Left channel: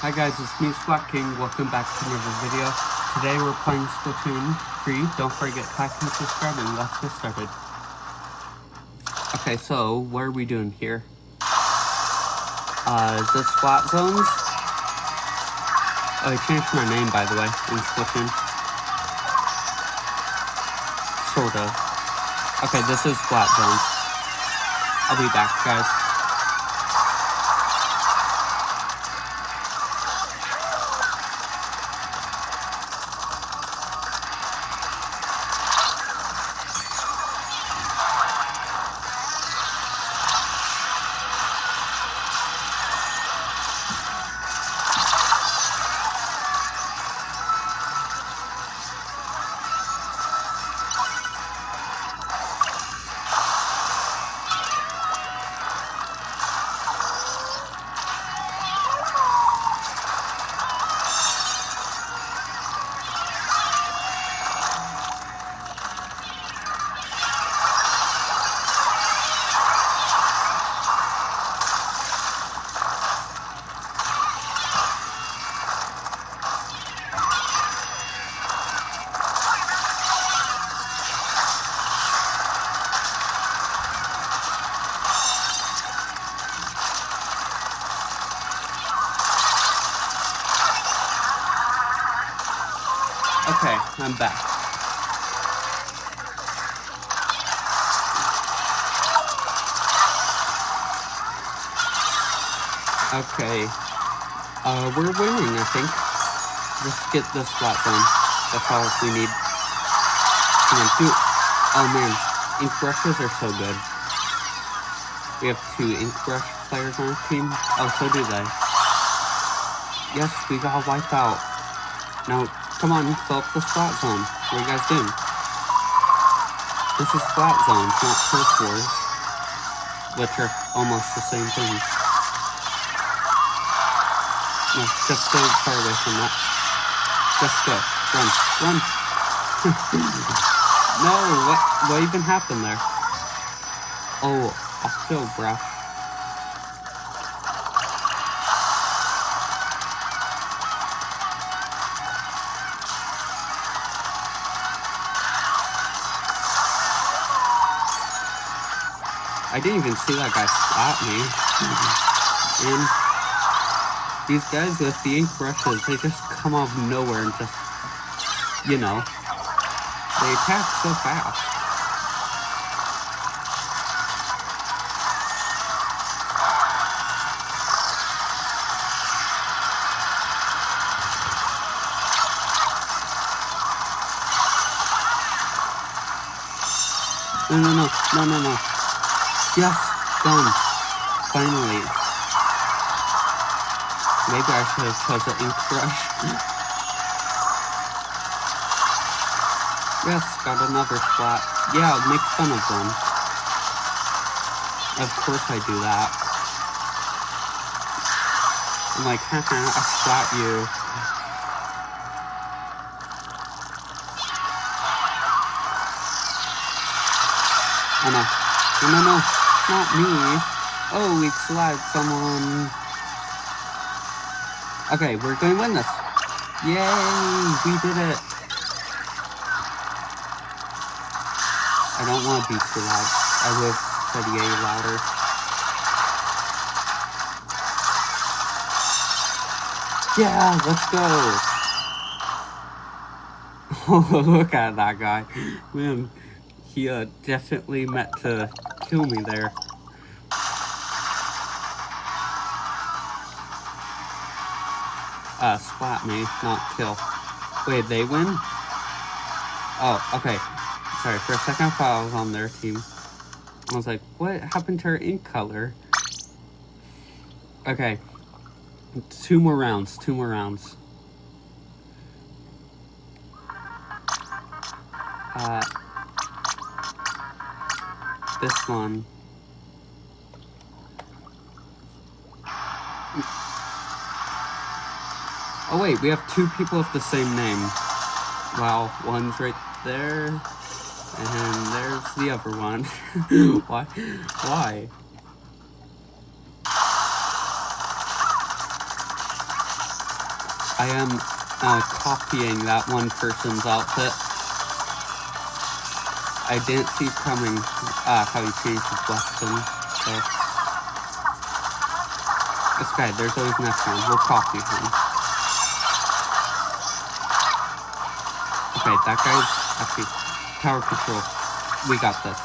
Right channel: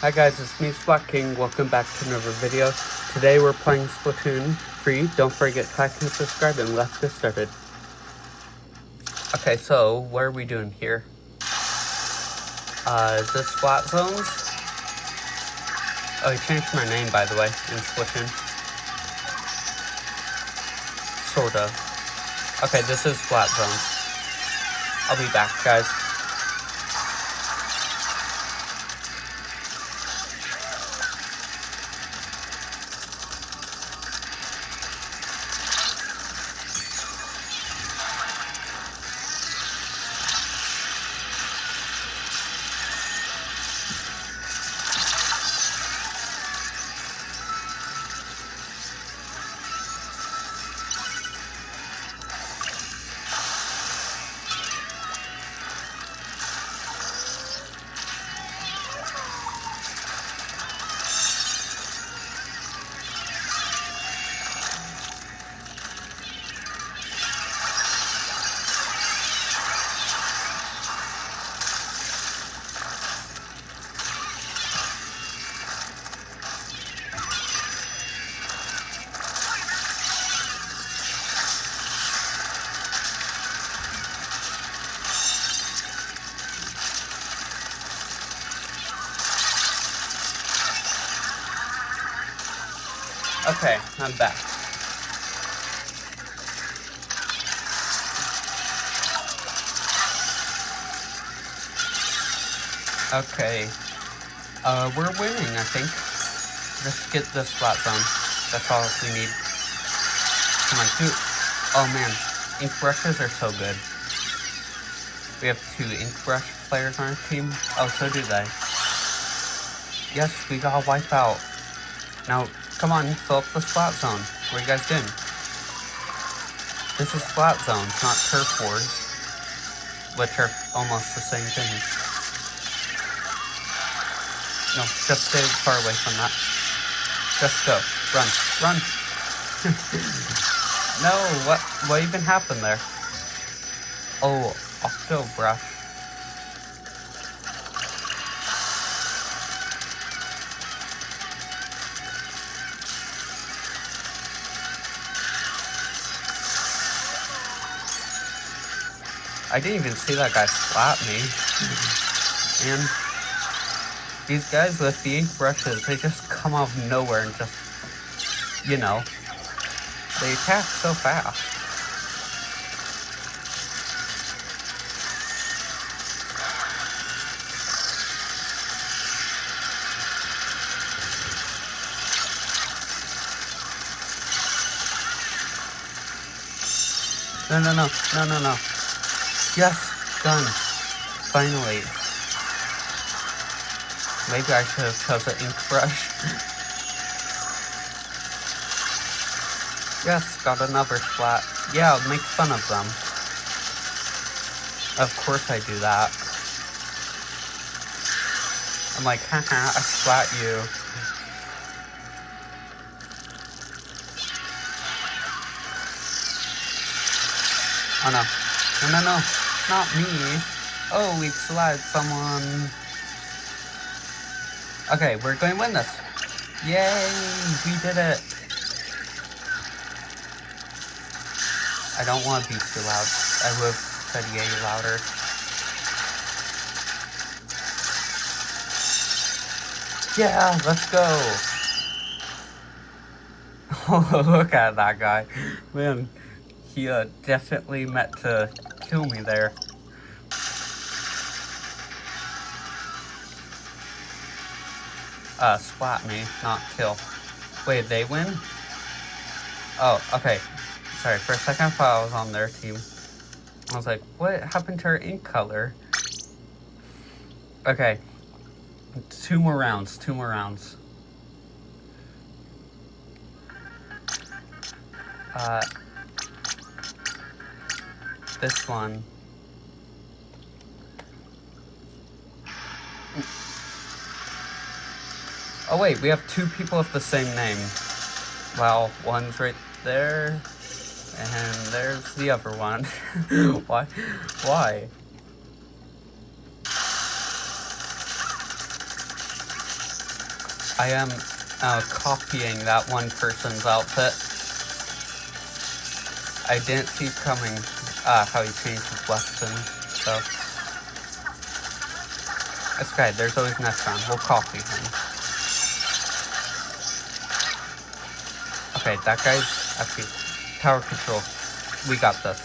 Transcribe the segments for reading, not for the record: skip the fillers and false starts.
Hi guys, it's me, Splat King. Welcome back to another video. Today we're playing Splatoon free. Don't forget to like and subscribe, and let's get started. Okay, so what are we doing here? Is this Splat Zones? Oh, I changed my name, by the way, in Splatoon. Sort of. Okay, this is Splat Zones. I'll be back, guys. Okay, I'm back. Okay, we're winning, I think. Just get this splat zone. That's all we need. Oh man, ink brushes are so good. We have 2 ink brush players on our team. Oh, so do they. Yes, we got wiped out. Now, come on, fill up the splat zone. What are you guys doing? This is splat zones, not turf wars, which are almost the same thing. No, just stay far away from that. Just go. Run. Run! No, what even happened there? Oh, octo brush. I didn't even see that guy slap me. And these guys with the ink brushes, they just come out of nowhere and just, you know, they attack so fast. No. Yes, done. Finally. Maybe I should have chosen an ink brush. Yes, got another splat. Yeah, make fun of them. Of course I do that. I'm like, haha, I splat you. Oh no. No, not me. Oh, we splat someone. Okay, we're going to win this. Yay, we did it. I don't want to be too loud. I would have said yay louder. Yeah, let's go. Oh, look at that guy. Man, he definitely meant to kill me there. Splat me, not kill. Wait, they win? Oh, okay. Sorry, for a second I thought I was on their team. I was like, what happened to our ink color? Okay. 2 more rounds, 2 more rounds. This one. Oh wait, we have 2 people with the same name. Wow, one's right there, and there's the other one. Why? I am copying that one person's outfit. I didn't see coming how he changed his weapon, so... This guy, there's always next round. We'll copy him. Okay, that guy's actually tower control. We got this.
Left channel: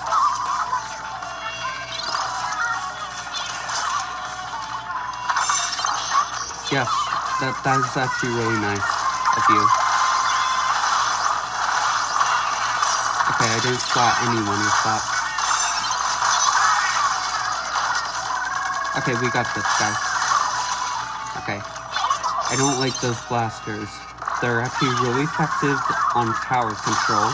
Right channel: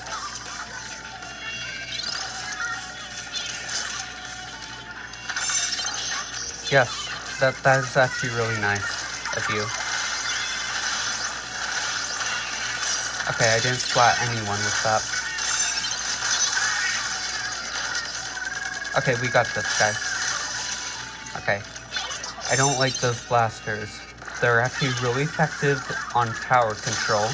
Yes, that is actually really nice of you. Okay, I didn't splat anyone with that. Okay, we got this, guys. Okay. I don't like those blasters. They're actually really effective on tower control.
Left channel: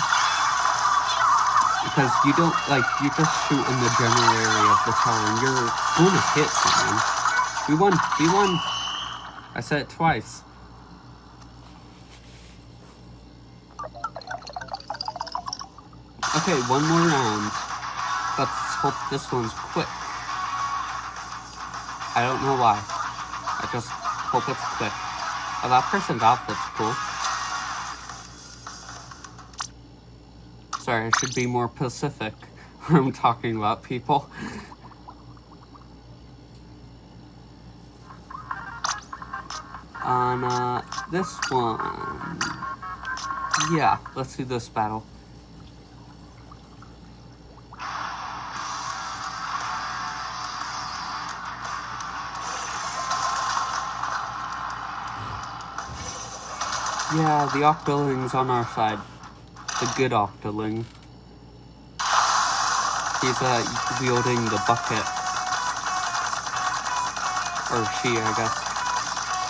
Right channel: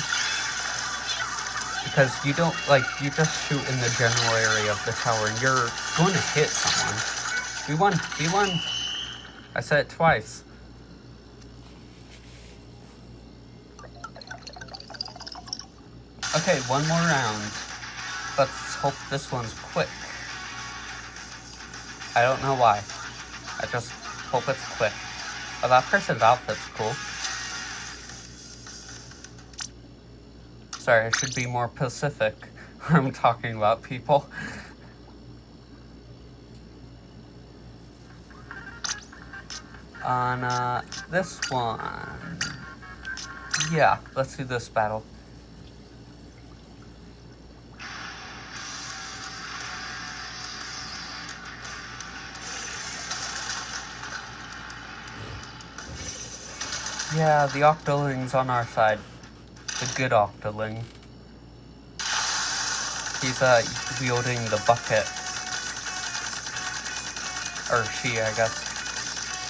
Because you don't, like, you just shoot in the general area of the tower and you're going to hit someone. We won! We won! I said it twice. Okay, one more round. Let's hope this one's quick. I don't know why. I just hope it's quick. Oh, that person's outfit's cool. Sorry, I should be more specific when I'm talking about people. On this one... Yeah, let's do this battle. Yeah, the Octoling's on our side. The good Octoling. He's wielding the bucket. Or she, I guess.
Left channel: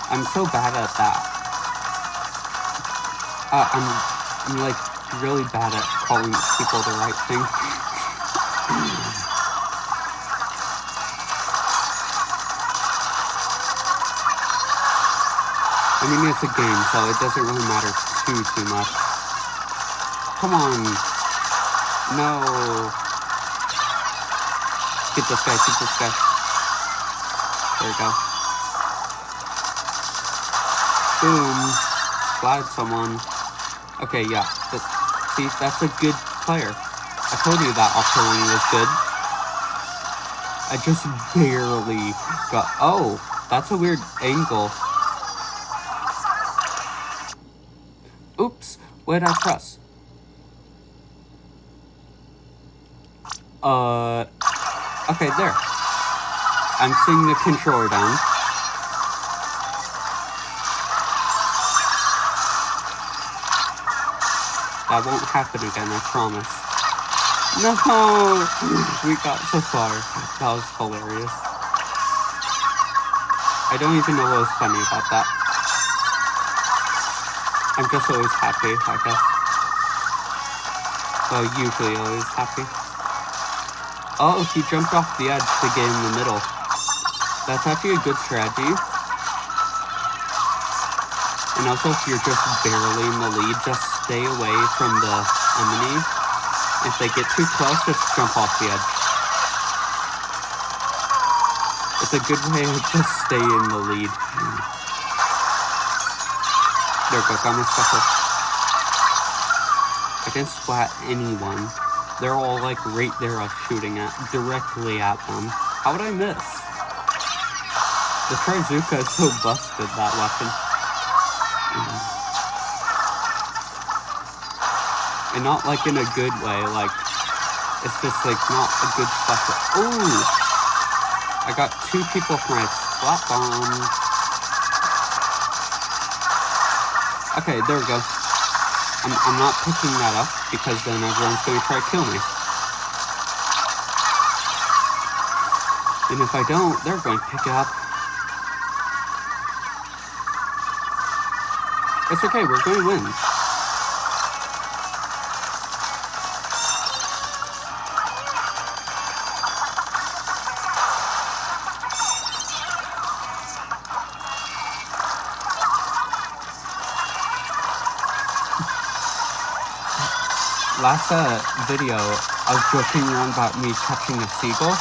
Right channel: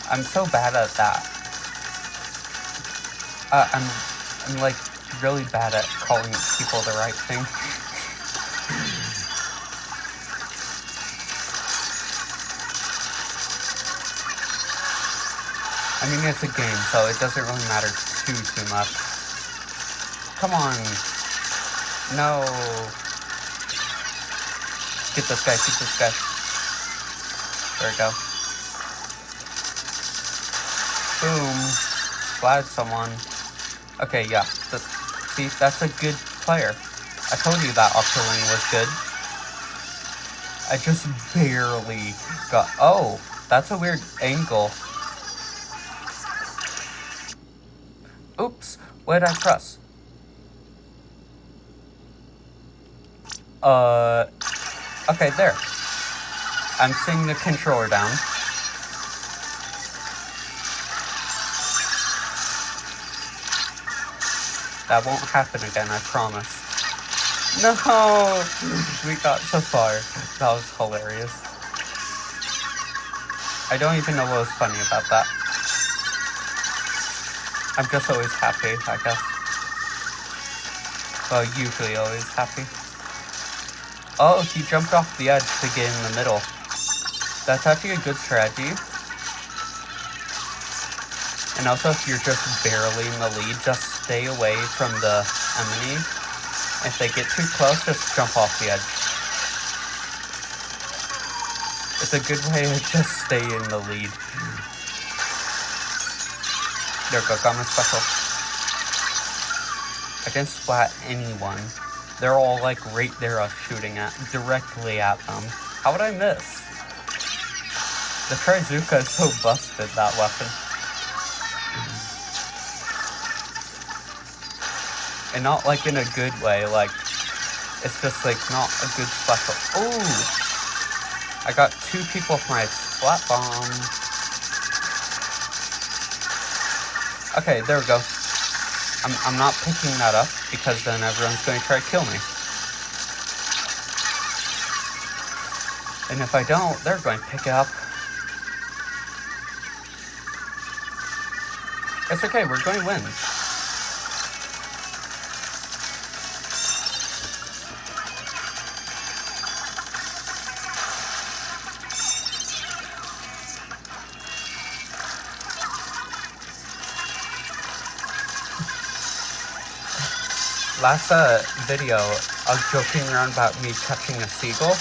I'm so bad at that. I'm like really bad at calling people the right thing. I mean, it's a game, so it doesn't really matter too much. Come on. No. Get this guy, get this guy. There we go. Boom. Splat someone. Okay, yeah. See, that's a good player. I told you that Octoling was good. I just barely got... Oh, that's a weird angle. Oops, what did I press? Okay, there. I'm seeing the controller down. That won't happen again, I promise. No! We got so far. That was hilarious. I don't even know what was funny about that. I'm just always happy, I guess. Well, usually always happy. Oh, he jumped off the edge to get in the middle. That's actually a good strategy. And also, if you're just barely in the lead, just stay away from the enemy. If they get too close, just jump off the edge. It's a good way to just stay in the lead. There we go, got my special. I didn't splat anyone. They're all like right there shooting directly at them. How would I miss? The Trizuka is so busted, that weapon. And not like in a good way, like, it's just like not a good special. Ooh! I got 2 people with my splat bomb. Okay, there we go. I'm not picking that up because then everyone's going to try to kill me. And if I don't, they're going to pick it up. It's okay, we're going to win. Last video, I was joking around about me catching a seagull,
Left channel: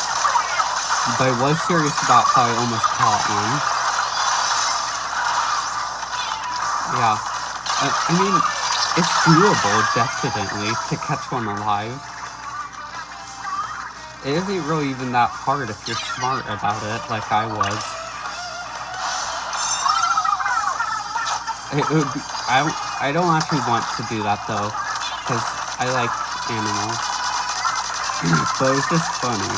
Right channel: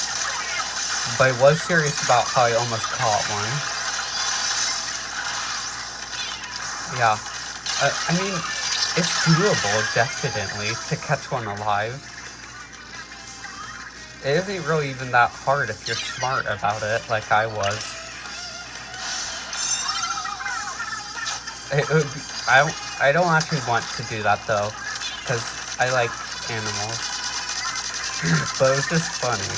but I was serious about how I almost caught one. Yeah. I mean, it's doable, definitely, to catch one alive. It isn't really even that hard if you're smart about it, like I was. I don't actually want to do that, though, because I like animals. But it was just funny.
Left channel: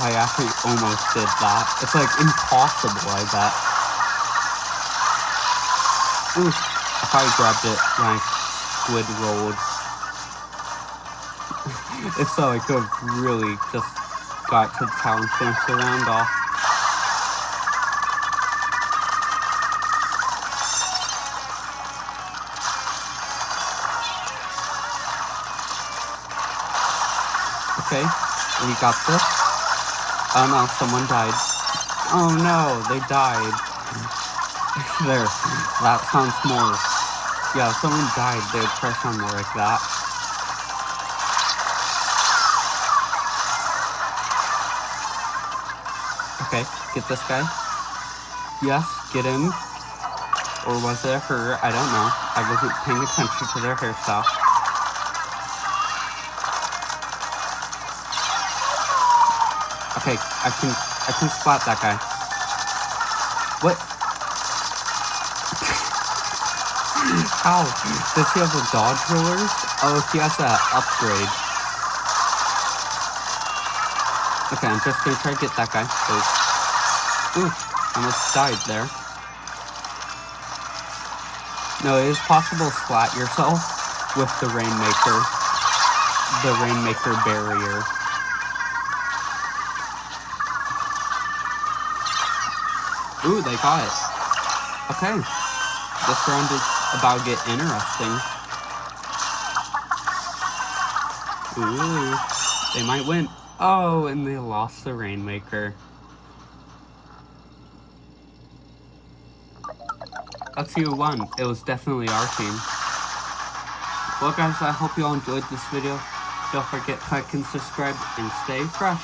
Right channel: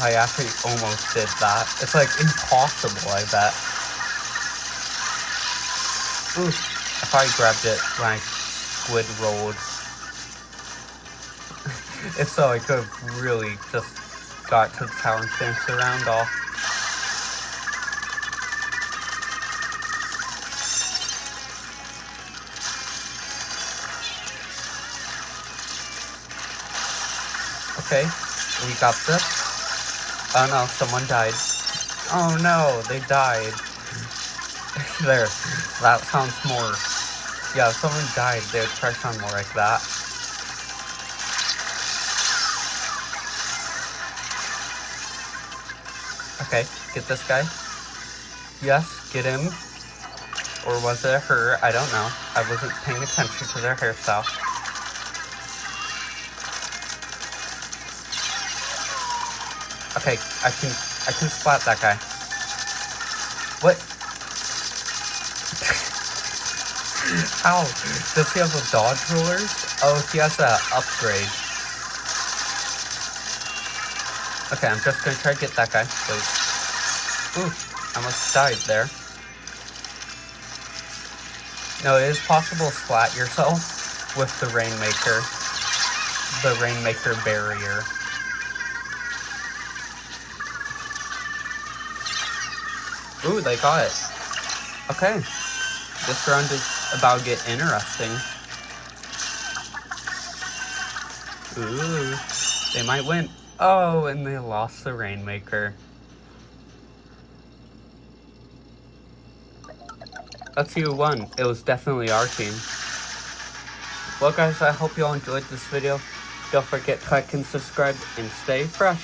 I actually almost did that. It's like impossible, I bet. Ooh, I thought I grabbed it when I squid rolled. If so, I could have really just got to the tower and finished the round off. Okay, we got this. Oh no, someone died. Oh no, they died. There, that sounds more... Yeah, if someone died, they would probably sound more like that. Okay, get this guy. Yes, get him. Or was it her? I don't know. I wasn't paying attention to their hairstyle. Okay, I can spot that guy. What? Ow! Does he have the dodge rollers? Oh, he has that upgrade. Okay, I'm just gonna try to get that guy, please. Ooh, almost died there. No, it is possible to splat yourself with the Rainmaker. The Rainmaker barrier. Ooh, they got it. Okay. This round is about to get interesting. Ooh, they might win. Oh, and they lost the Rainmaker. Let's see who won. It was definitely our team. Well guys, I hope you all enjoyed this video. Don't forget to like and subscribe and stay fresh.